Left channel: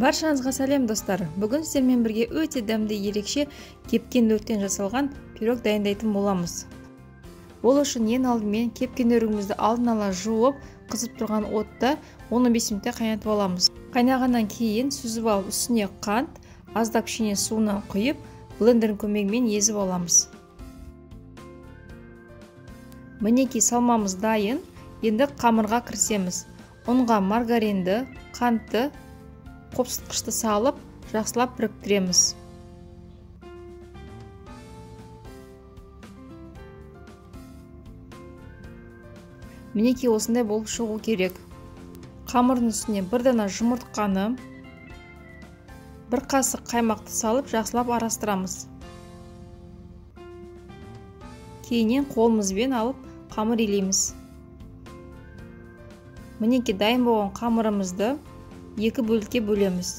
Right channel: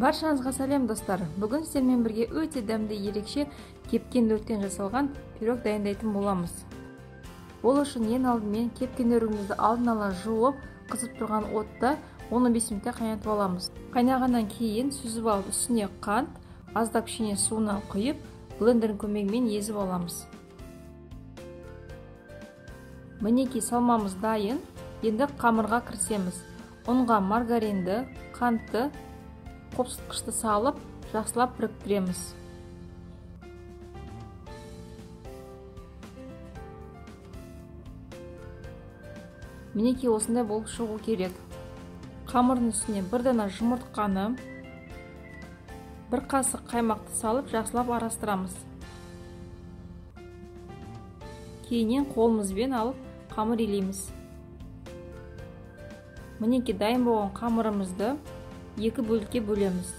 Баршаңызға сәлем достар. Бүгін сіздермен бірге өте дәмді ерекше кепкен өрттен жасалған пирог дайындайтын боламыз. Ол үшін ең алдымен кепкен өрігімізді алдын ала жуып, қызып тұрған отта 15 минутта қайнатып аламыз. Қайнағаннан кейін сүзіп алып, үстіне қант, аздап кішкене суынан құйып, блендердің көмегімен езіп аламыз. Мінекей салмамыз дайын. Енді қамырға кірісеміз. Ұнға маргаринді, қантты, қопсытқышты салып, жақсылап біріктіреміз. Мінекей осындай болып шығу керек. Қамырдың үстіне бір дана жұмыртқаны, бір қасық қаймақты салып, жақсылап араластырамыз. Кейіннен қолымызбен алып, қамыр илейміз. Мінекей дайын болған қамырымызды екі бөлікке бөлеміз.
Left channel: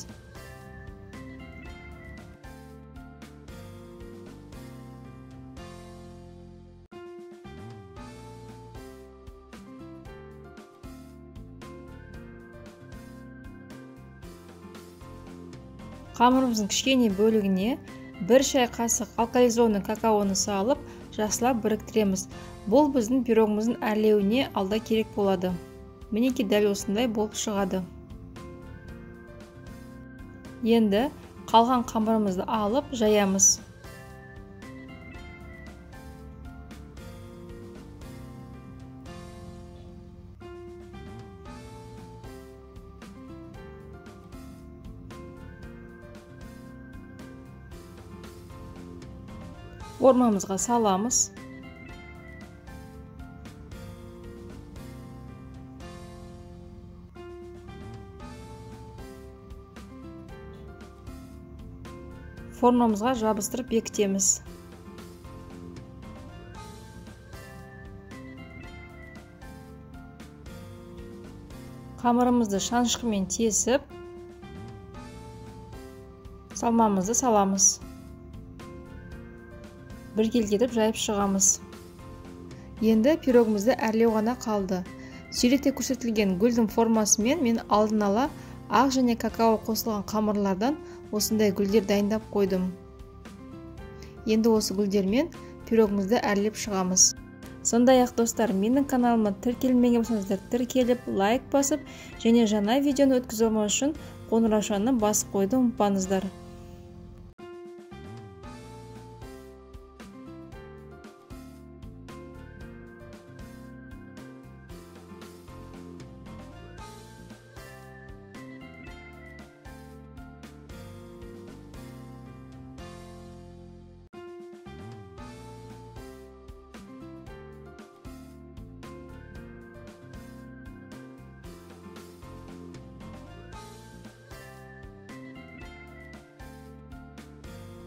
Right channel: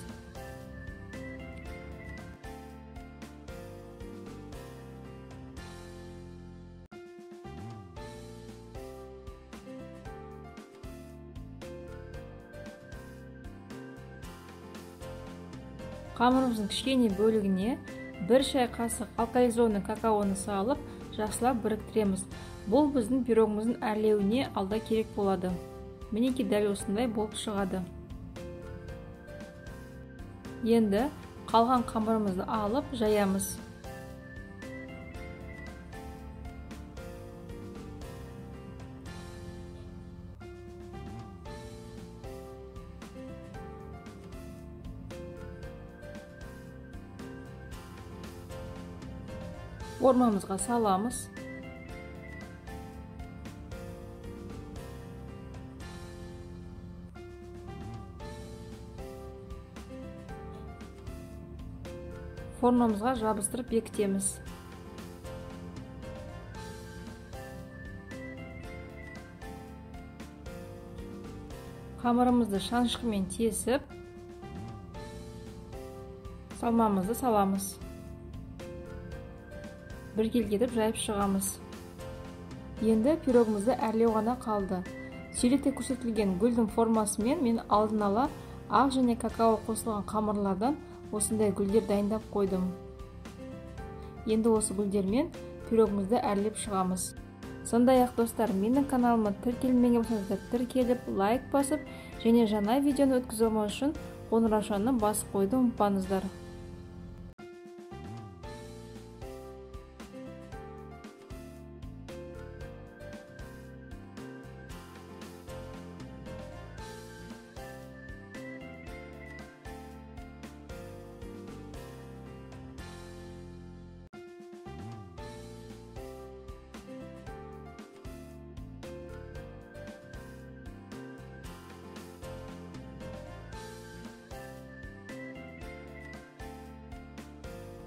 Қамырымыздың кішкене бөлігіне бір шай қасық алкализованный какаоны салып, жақсылап біріктіреміз. Бұл біздің пирогымыздың әрлеуіне алда керек болады. Мінекей дәл осындай болып шығады. Енді қалған қамырымызды алып жаямыз. Формамызға саламыз. Формамызға жабыстырып бекітеміз. Қамырымызды шанышқымен тесіп, салмамызды саламыз. Біркелкетіп жайып шығамыз. Енді пирогымызды әрлеу ғана қалды. Суретте көрсетілген гүлдің формасымен мен алдын ала ақ және какао қосылған қамырлардан осындай гүлдер дайындап қойдым. Енді осы гүлдермен пирогымызды әрлеп шығамыз. Сондай-ақ достар, менің каналыма тіркелмеген болсаңыздар тіркеліп, лайк басып, және жаңа видеоны өткізіп алмау үшін қоңыраушаны басып қойды ұмытпаңыздар.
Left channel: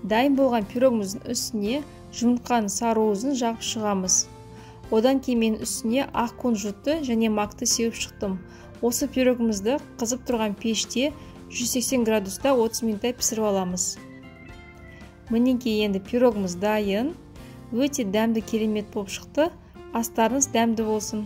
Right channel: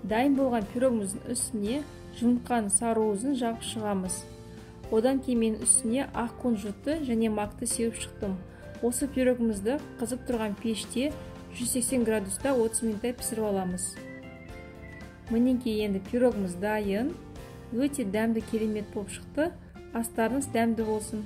Дайын болған пирогымыздың үстіне жұмыртқаның сарыуызын жағып шығамыз. Одан кейін мен үстіне ақ кунжутты және макты сеуіп шықтым. Осы пирогымызды қызып тұрған пеште 180 градуста 30 минутта пісіріп аламыз. Мінекей енді пирогымыз дайын. Өте дәмді керемет болып шықты. Астарыңыз дәмді болсын.